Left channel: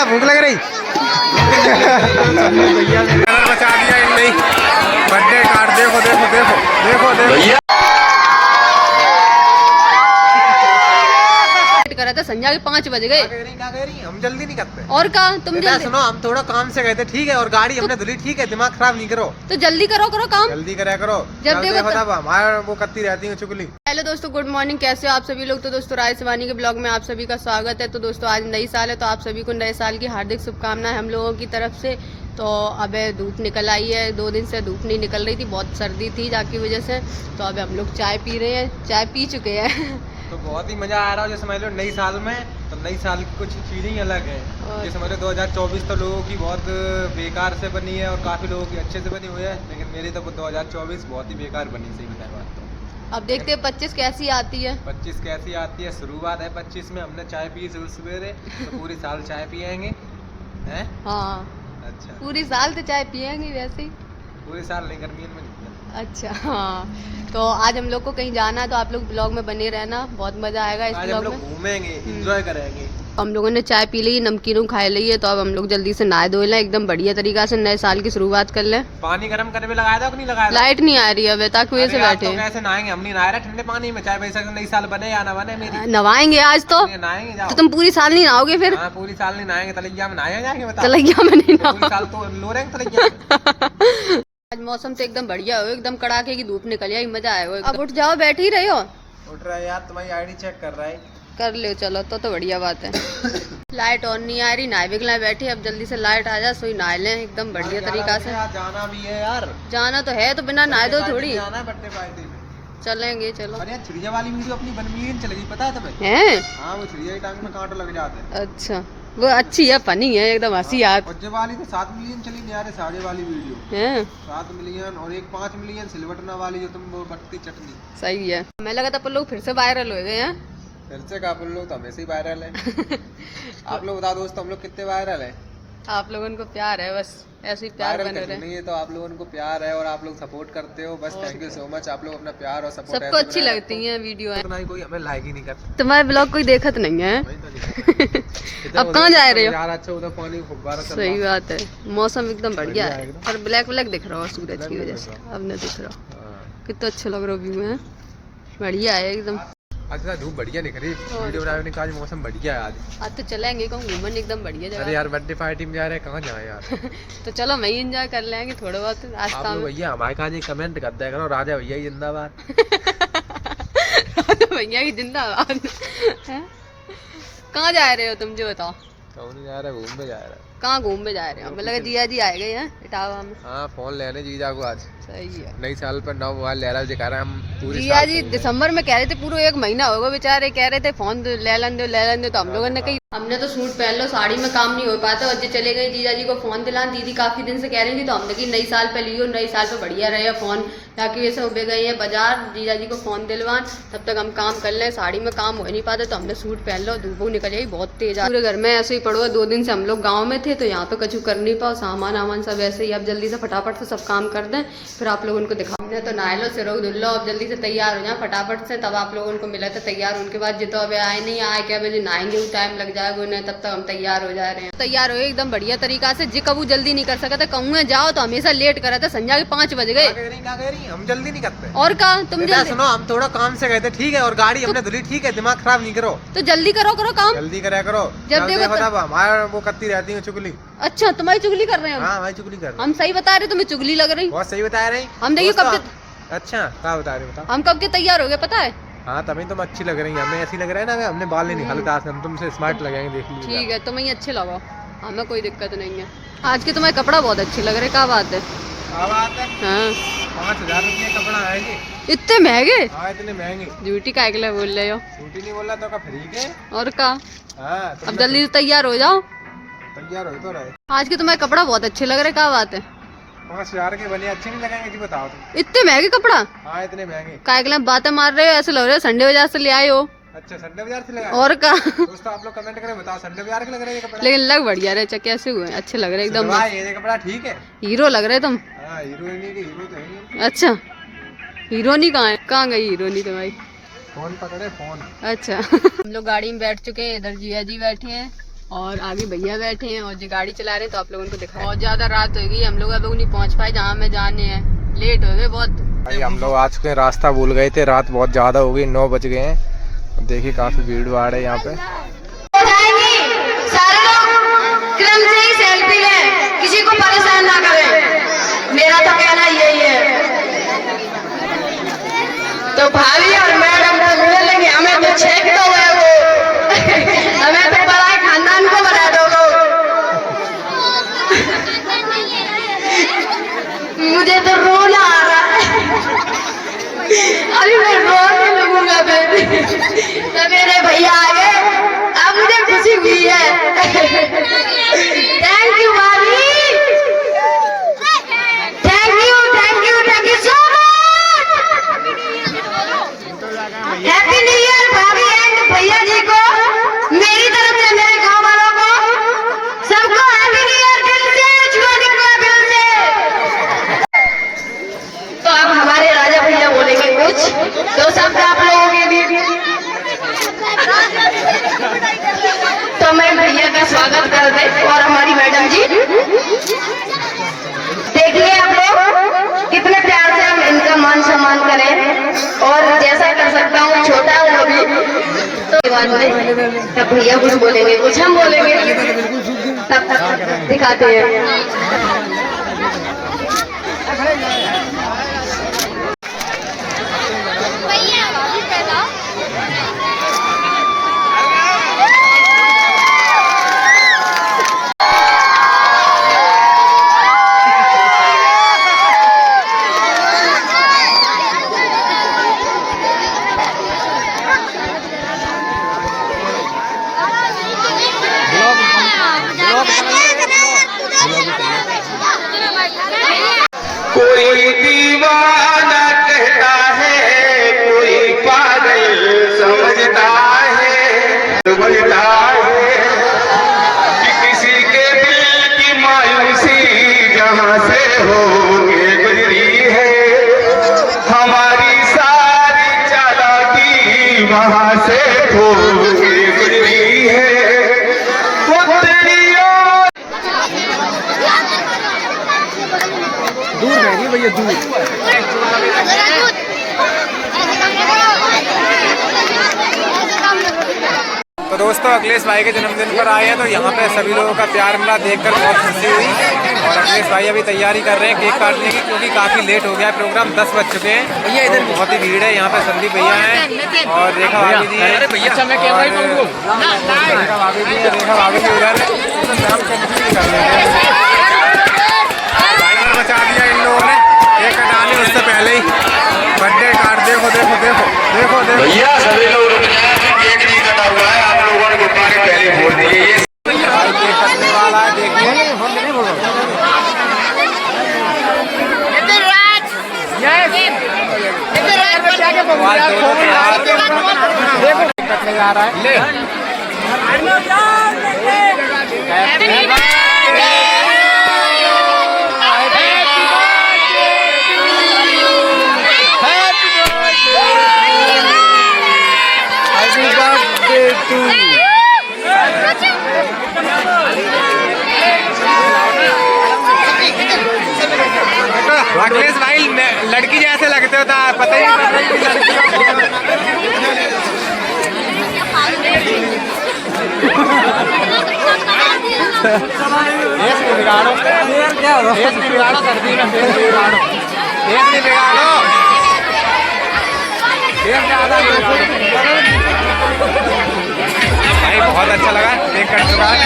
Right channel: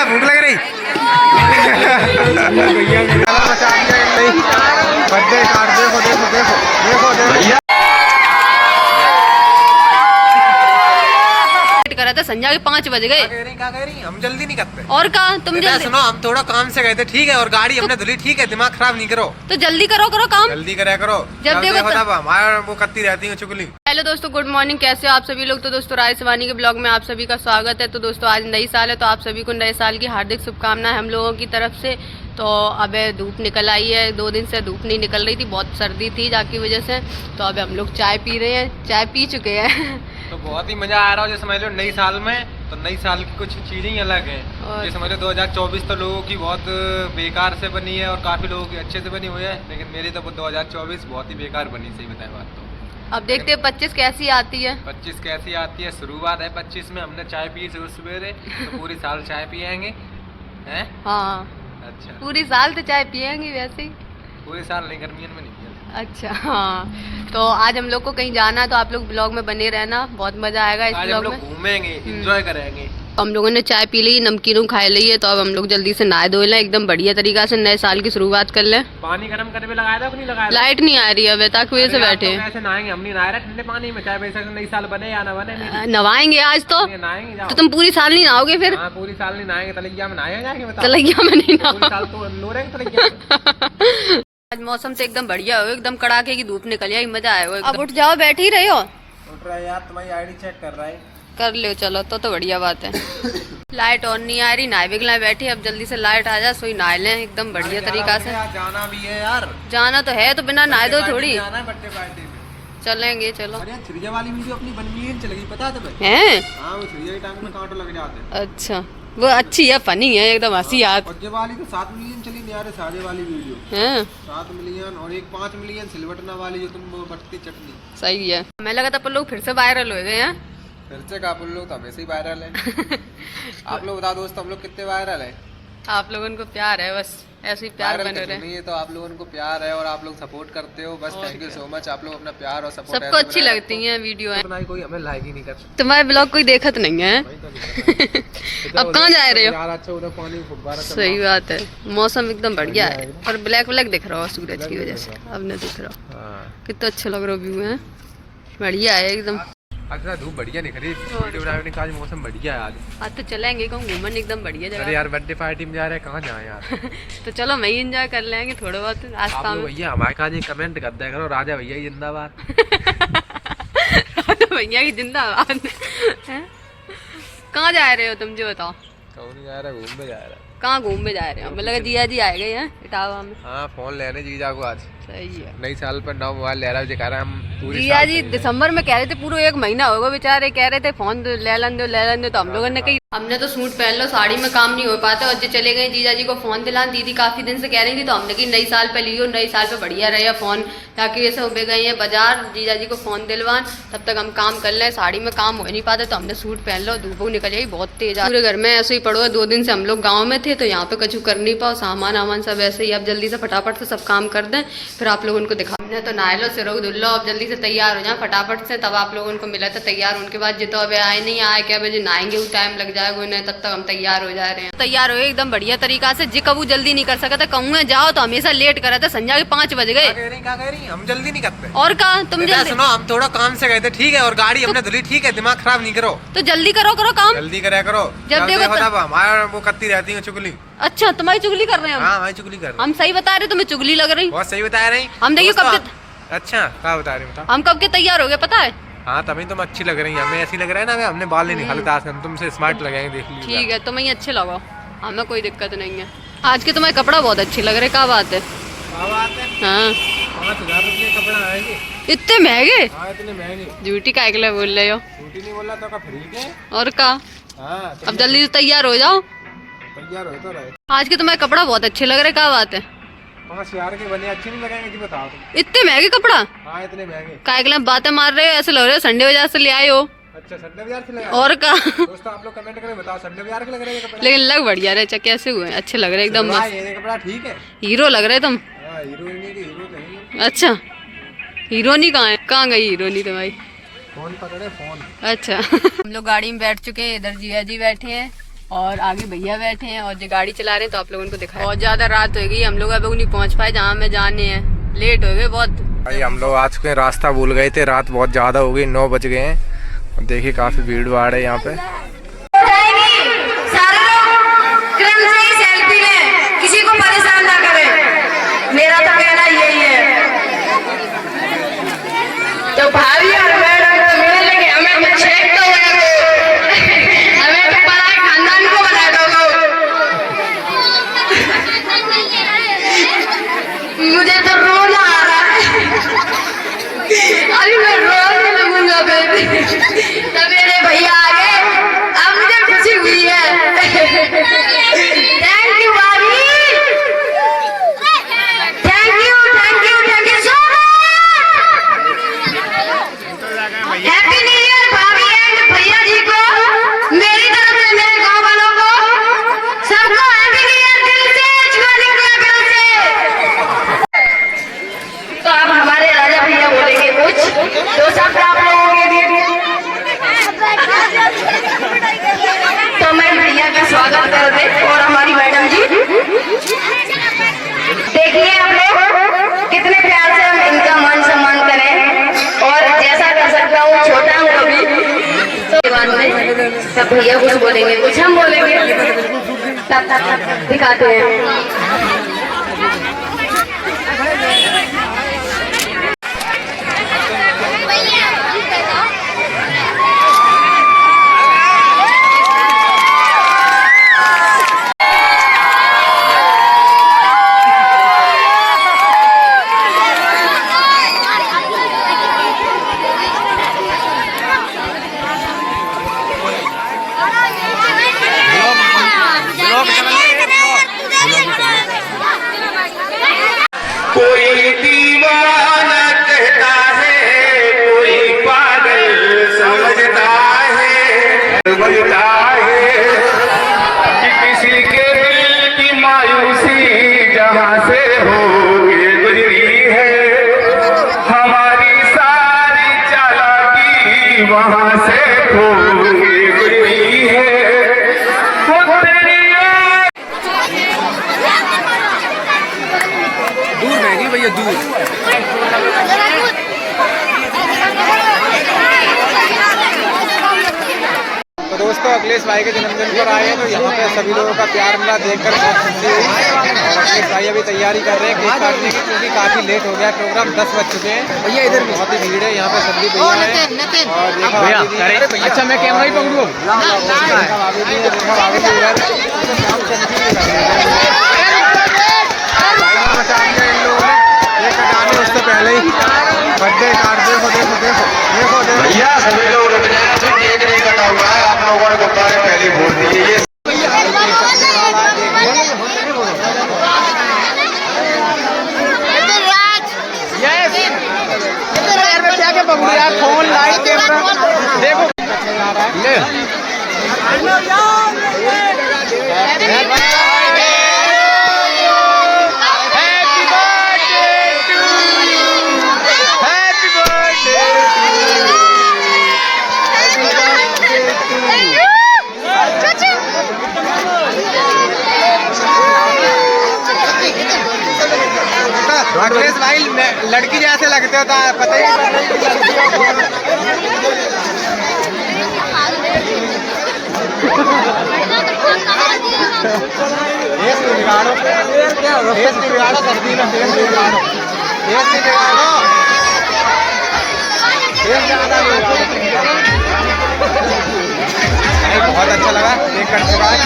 क्या भूख लग रही? कलर बचा दिया इन नहीं, बर्थडे कार्ड देखो देखो देखो देखो देखो। करा था संध्या के 5 बज गए। क्या कह रही? हम जल्दी नहीं करते। और कहा तुम जल्दी सुनो, हम थोड़ा काम से गए थे, ठीक है, और गाड़ी हमने धुली, ठीक है, दिमाग खराब नहीं करो। तो जल्दी करो काम, जल्दी करा करो। जब देखो तब हमारा वो करती रहती है चुगली। हेलो दोस्तों, गुड मॉर्निंग, कैसे हो आप सभी लोग। तो दोस्तों राय शिवानी के ब्लॉग में आप सभी का स्वागत है। तो दोस्तों आज नई साल है, तो आप सभी को नए साल की हार्दिक शुभकामनाएं हम लोगों की तरफ से। तो अब धूप निकल आई है, 2 दिन से धूप नहीं निकल रही थी, बहुत सर्दी थी जाकी वजह से। तो अब हम लोग चाय पी रहे हैं, चाय पी चुके हैं। तो बहुत ही मजा आ रहा है। जैसे समझ लो नई साल में, तो नई साल की कुछ चीजें ही अलग हैं। जैसे समझ लो 2024 तो लोगों की बहुत बेकार से बनी है और काफी लोगों की अच्छे से बनी हुई है, लेकिन मेरी तो 2024 बहुत ही बेकार बनी, सही बताए बात। तो अब देखते हैं 25 कैसी आती है। 25 कैसी आती है, शुरुआत है 25 में। हमने चाय पी सवेरे, तो पूरी साल चाय पियेंगे हैं। हाँ अच्छा, पूरी साल तो चाय पियेंगे वैसे ही। पूरी साल नहीं, गर्मियों में नहीं पिया। अच्छा हाँ, तो आज हम लोग को कहीं जाना है, तो आप लोग ब्लॉग में बने रहना, बहुत मजा आएगा इस ब्लॉग में। घूमेंगे, एंजॉय करेंगे। हम लोगों ने चाय पी ली, नमकीनों खाए ली है, तो अब हम लोग जल्दी से नहाए धोए लें, एकदम बढ़िया तरीका से नए साल की शुरुआत कर लें। पानी गर्म करने में लगाया था कि नहीं लगाया? लाइट नहीं आ रही है, तक वजह से बैठे हैं। कैसे नहाएंगे? हम नहीं नहा रहे ठंडे पानी में, चाहे वैसे नई साल बने या ना बने। नहाएंगे आज तो नहाएंगे। तो तुम पूरी साल नहीं नहाओगे फिर? हाँ, पूरी साल नहीं नहाएंगे, तलैया में नहाएंगे। तलैया में नहीं पूरी साल तो लो रहे तलैया। आज मौसम से एकदम बढ़िया हो, एकदम कड़ाके की धूप निकल आई, मजा आया। अब उठ जाओ, बैठ ही रहे हो। उठ रहा है यार, तुम्हारी आईडी चेक कर रहा है। कर लो, चलो तो बढ़िया बात है। लाइट ऑन नहीं आ रही, नहाए बिगलाए बैठी, अब जल्दी से लाइट आ जाए, सोई नहा लें एकदम बढ़िया तरीका से। जाना भी है यार, जाना तो है, तो बिना नहाए दो थोड़ी बर्थडे पार्टी में चलेंगे। चलो। अरे छुरिया वाली वीडियो अपनी बन मिलियन चल गई, पता है तुम्हें? हैं? हाँ, वो छुरिया की टांग में कांटे लग जाते हैं। अच्छा, वो अच्छी है, फनी है, एकदम हंसी आती। और जो वाली तो 7 मिलियन चली यार, साजे वाली वीडियो हैं 7 मिलियन, और एक 5 मिलियन सिलवटना वाली जो तुम वो बटती चटनी। सही है। हमें लगा था पर लोग फिर से वायरल हो गए हैं। फिर से का लोग तो हमेशा ही वायरल है। आप लोग बता दोस्तों, हम लोग कितने वायरल है? आप लोगों को प्यार है, बस ऐसे ही प्यार बने रहे। नहीं है तो आप लोगों को प्यार है और आप लोग सपोर्ट करते हो, बस थैंक यू सो मच। आप लोग अपना प्यार और सपोर्ट सबको अच्छी लगती है वीडियो है। कोई हमें लाइक ही नहीं करता। तुम्हारे ब्लॉग कोई देखत नहीं है। अब कहाँ जा रहे हो? यार अच्छा, उधर पानी फुब्बारा। सही बात है, मौसम एकदम बढ़िया है, और ब्लैक ब्लैक दिख रहा है सूरज की वजह से, अब न दिख रहा। कितना अच्छा लग रहा व्यू है, बढ़िया है एकदम। आज धूप बढ़िया निकल रही, वीडियो बनाने का आज मौसम बढ़िया है। आज तो चलेंगे कहूँ घूमन, एकदम बढ़िया जगह। अरे यार बर्थडे पार्टी में जा रहे हैं, कहाँ जाए यार। तो चलो मैं ही एंजॉय कर लेंगे थोड़ा बहुत रास्ता में। भैया हमारे कहा जी कमेंट कर दिया करो, राजा भैया ही जिंदाबाद। राजा भैया की जिंदाबाद। कहाँ जा रहे हो तुम, जो बताओ? नहीं जा रहा, घूमने जा रहा है। कहाँ घूमने जा रहे हैं? मतलब जिया जी आए गए हैं इटावा में। हाँ, फोन लेने जीजा को आज। सही है, नई साल पर नया मोबाइल ले रहा है, दिखा रहा है हम पूरी। जिया जी दिसंबर में कह रहे थे, पूरा 1 महीना होगा बेचारे, कह रहे थे फोन ले लन दो, तो हम लोगों ने कही हमने तो सूट पहन लो, साड़ी में काम नहीं हो पाता, और जो चले गए जीजा जी को फोन दिलान। दीदी काफी दिन से कह रही थी, तो हमने कही नई साल पे लियो, नई साल पे बढ़िया रहे फोन, ताकि वैसे उबे गए हैं बाजार जीजा जी को फोन दिलवान, तब तक हम काम कर लें। साड़ी में काम हो नहीं पाता, तो हमने सूट पहन लो, धूप निकल जाएगी बहुत तेज। पूरे घर में ऐसे ही पड़ो है, 2 दिन से हम लोग गाँव में थे, तो यहाँ पे कछु कर नहीं पाओ, सामान वामान सब ऐसे ही। अब जल्दी से फटाफट से सब काम कर दें, फिर आप लोगों को दिखा। हमने तो नहा लो, सिरों धुल लो, अब जल्दी से तैयार हो जाए फटाफट से, तब आप लोगों को मिला था तैयार। उनके बाद जो तो अब आए नहीं, आए क्या बजे नहाएंगे, वो टाइम लग जाएगा उन्हें, तब तक हम तैयार हो जा रहे हैं। तैयार हो एकदम बढ़िया तरीका से। जी कबू जल्दी नहीं कर सका था, कहूँ जाओ तो हमेशा लेट करा था, संध्या के 5 बज गए। क्या कह रही? हम जल्दी नहीं करते। और कहा तुम जल्दी? सुनो, हम थोड़ा काम से गए थे, ठीक है, और गाड़ी हमने धुली, ठीक है, दिमाग खराब नहीं करो। तो जल्दी करो काम, जल्दी करा करो। जब देखो तब हमारा वो करती रहती है चुगली। अच्छा, तुम्हारी चुगली कर रहे हैं हम? हाँ, हमारी चुगली कर रहे हैं। हम सही बता रहे, तुम्हें चुगली लग रही? बहुत सही बता रही। हम देखिए कब के। अच्छा, क्या बता रही बताओ? हम कब के तैयार हो गए पता है? हाँ, तभी तुम अच्छी लग रही है, हमें ऐसी लग रहा है ना, हमने बाल नहीं निकाले थे आज, हम तुमसे स्मार्ट लगाएंगे, देख लीजिए। ठीक है, तुम ही अच्छे लगाओ, हमें कोई दिक्कत नहीं है। आज के तुम्हारे कपड़ा बहुत अच्छे लग रहे, क्या बात है? हाँ, 5000 रुपये कपड़ा आएंगे। इतने महंगे? हाँ, इतने महंगे। झूठी का अगले बोल रहे हो? झूठी नहीं बोल रहा तो का फ्री के। और का? हाँ, अब जल्दी से तैयार हो जाओ। तैयार हो तो रहे। आज के तुम्हारे कपड़ा बहुत अच्छे लग रहे, क्या बात है? 5000 के बने अच्छे नहीं लगेंगे जी, बताओ तुम। इतने महंगे कपड़ा? हाँ, इतने महंगे। काय के लिए बातें मार रहे हो, ऐसे लग रहे हो संडे बाजार से ले आए हो। अच्छा, संडे बाजार से लगा? और का? दोस्तों आप लोग कमेंट करें, बताओ संडे बाजार के लग रहे हैं कपड़ा? लेकिन लग बढ़िया रहे, कैसे हुए? अच्छे लग रहे एकदम मस्त। ये कपड़ा ठीक है, हीरो लग रहे तुम। हाँ, हीरोइनी के हीरो तो है। अच्छा, हीरोनी कहाँ है? कहाँ गई हीरोनी तो भाई? फोन पकड़े, फोन। अच्छा। हम लोग गाड़ी में बैठ चुके हैं, इधर जिया जी बैठे हैं, और आगे भैया बैठे हैं और जो गाड़ी चला रहे हैं, तो आप लोगों को दिखाया। बहुत ज्यादा रात हो गई, हम लोग अब नहीं पहुंच पाए जहाँ हमें जाने हैं, लेट हो गए बहुत। भाई हम लोग आ चुके हैं, रास्ता भूल गए थे, रात बहुत ज़्यादा हो गई, 9 बज गए हैं। देखिए काफ़ी भीड़ भाड़ है यहाँ पे। सारे लोग क्रम से ही सेल्फी लें, किसी को परेशान ना करें, मेरा तो कहना यही है। तो भाभी और मैडम को मिले लेंगे, हमें तो छेक तो है वो, हमें तो बड़ा खानदान को बना दो। मुझे तो रोना आ रहा है, अभी मैं रोने लगूंगा बेबी। तो मेरे भैया आ गए, अब मुझे खुशी हुई है। थैंक यू भाभी, thank you so much. Happy new year भाभी एंड भैया जी को मेरी तरफ से, मेरे गांव वालों को सबको हैप्पी न्यू ईयर दिल से। तो अब हमारे राजा भैया बोलेंगे कुछ, तो सब आप लोगों के लिए। तो मैं भैया का स्वागत कर दे और हमारी मैडम जी, देखिए आप लोग कितने प्यार से हम इनका मान सम्मान करें, और जैसा कर सकता हूँ, छोटा हूँ अभी, तो बाद में सब भैया कुछ बोलेंगे, कुछ हम बोलेंगे, तब दिखाते हैं। कोई दीवाना कहता है, कोई पागल समझता है कि किसी के दिल की मायूसी जहां से होके गुजरी है, हमारी सारी चालाकी वहां से होके गुजरी है। वो तेरी दूर रहेगी भैया, दूर। तो दोस्तों अखिलेश भाई के जन्मदिन पर आए हैं, तो यहाँ पे सभी लोगों का प्यार मिला, देखकर बहुत खुशी हुई। और अखिलेश भाई अभी तैयारी कर रहे हैं केक काटने की, क्योंकि काफ़ी लेट हो गया, प्रोग्राम 10 बज चुके हैं। ये इधर बहुत ही भीड़ है, यहाँ पे संदीप भैया हैं और रेखा भाभी जी हैं। अच्छा मैं कैमरा ही बोलूँ, रेखा भाभी जी है, रेखा भाभी जी टाइमर मचा दिया इन लोगों ने केक कटाने उससे पहले ही। बर्थडे कार्ड देखो देखो देखो देखो देखो भैया, सभी लोग रुक जाए, केक नहीं कटा हुआ है, आप लोगों ने गुब्बारे पहले फोड़ दिए। ये फोन लाइट कैमरा देखो जा रहा है। अखिलेश भाई लड़की जैसे लगते हो, पता ही नहीं पड़ रही लड़की फेस नहीं बिगाड़ो, फेस नहीं बिगाड़ो, सर्दी में फेस नहीं बिगाड़ो, फेस नहीं बिगाड़ो, फेस ज्यादा नहीं बिगाड़ो। भाई बहुत अच्छा लगा, केक कट चुका है।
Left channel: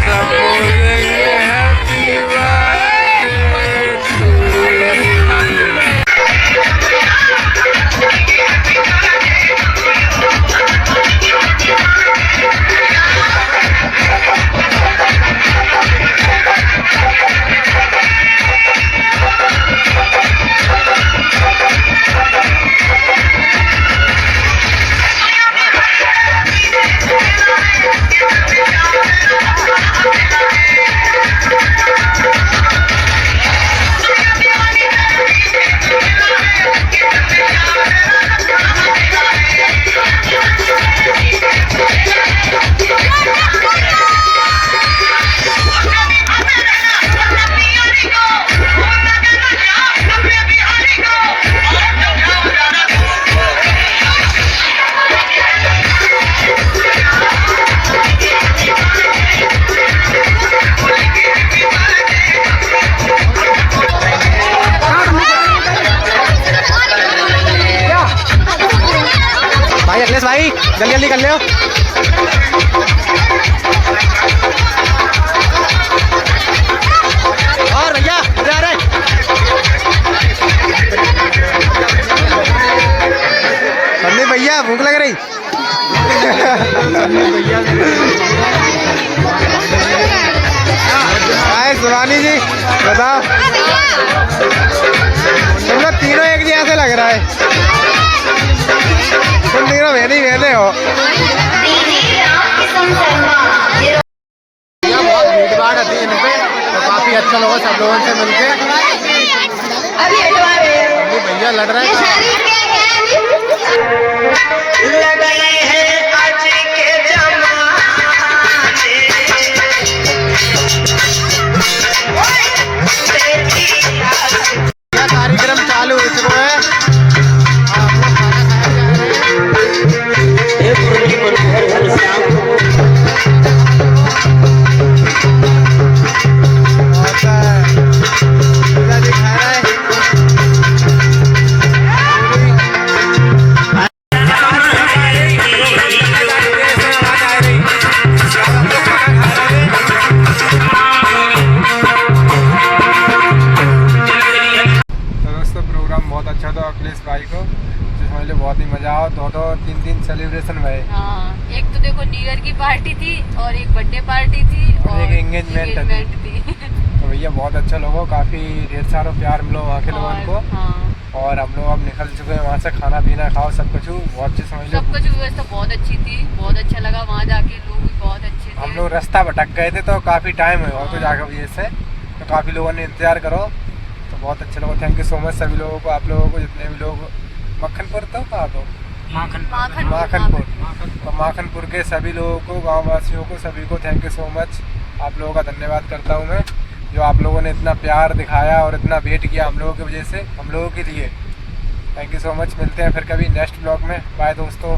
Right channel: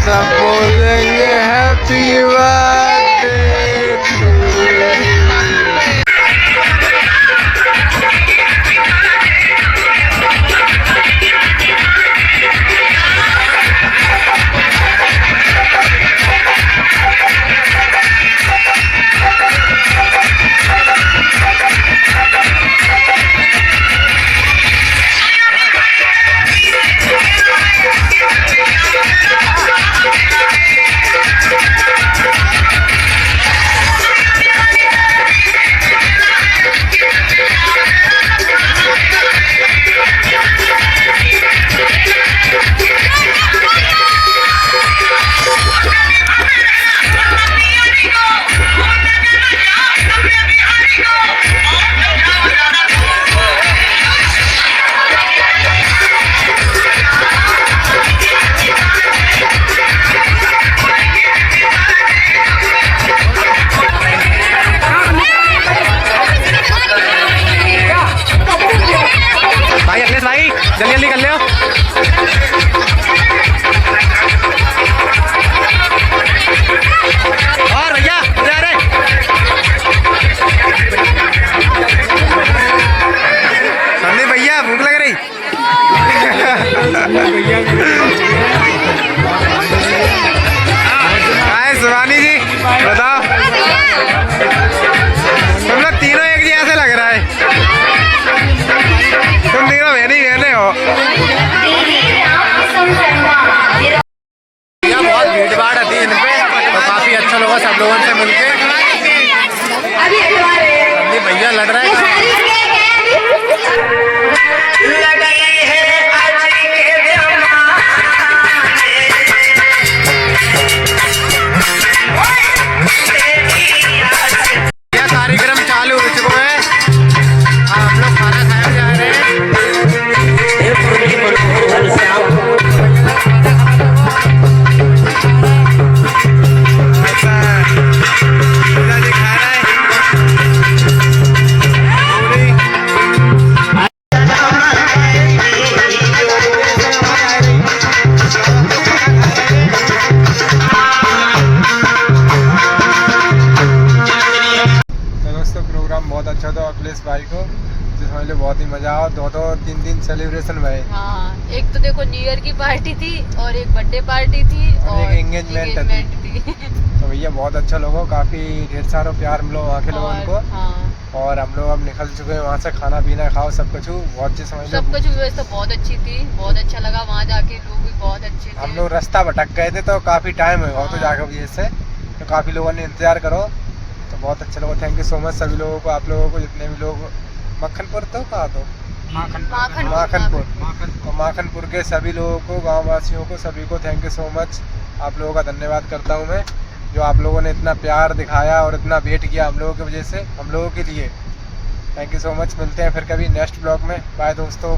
सब बोलेंगे हैप्पी बर्थडे टू जल्दी जल्दी कर ले। और भैया जा रहे संदीप भैया, भूख लग रही। हाय शिवानी जी, बताओ तुम लोग तीनों एक जी ऐसे लग रहा है, तुम तीनों बहने हो। यहाँ बहुत भीड़ भाड़ होती है इन पे, तो काफी अच्छा लगा सब लोगों से मिलके। भैया लग रहा है कार्यक्रम चालू हो चुका है। हम लोग खाना खाने जा रहे हैं। बहुत अच्छा था अखिलेश भाई को, जिसमें लिए बहुत ही मजा आया। दो तीन दिन सेलिब्रेशन हुए। हाँ, एक तो देखो न्यू ईयर की पार्टी थी और एक बर्थडे पार्टी थी और एक एंगेजमेंट थी। तो भैया बहुत अच्छा लोगों, काफी ढेर सारा प्यार मिलो वहाँ के लोगों को। हाँ। और हम लोग अब निकल चुके हैं वहाँ से, खाना पीना खाओ सब कुछ बहुत अच्छे समझ लो। सब कुछ व्यवस्था बहुत अच्छी थी, बहुत अच्छा लगा वहाँ जाके, लोग भी बहुत अच्छे थे। हम लोग रास्ता भटक गए थे तो काफी टाइम हुआ तो जाकर वजह से, तो काफी लोगों ने इंतजार करो, तो बहुत अच्छा लगा। थैंक यू सो मच सभी लोगों को, आप लोगों को जितने भी लोग मक्खनपुर तो कहा तो माखनपुर, तो माखनपुर के सभी लोगों को, गाँव वासियों को, सभी को थैंक यू सो मच। आप लोगों का धन्यवाद करता हूँ मैं, जो आप लोगों ने इतना प्यार दिखाया और इतना वेट किया हम लोगों की वजह से, हम लोगों के लिए। Thank you so much. मिलते हैं फिर कभी नेक्स्ट ब्लॉग में। बाय दोस्तों।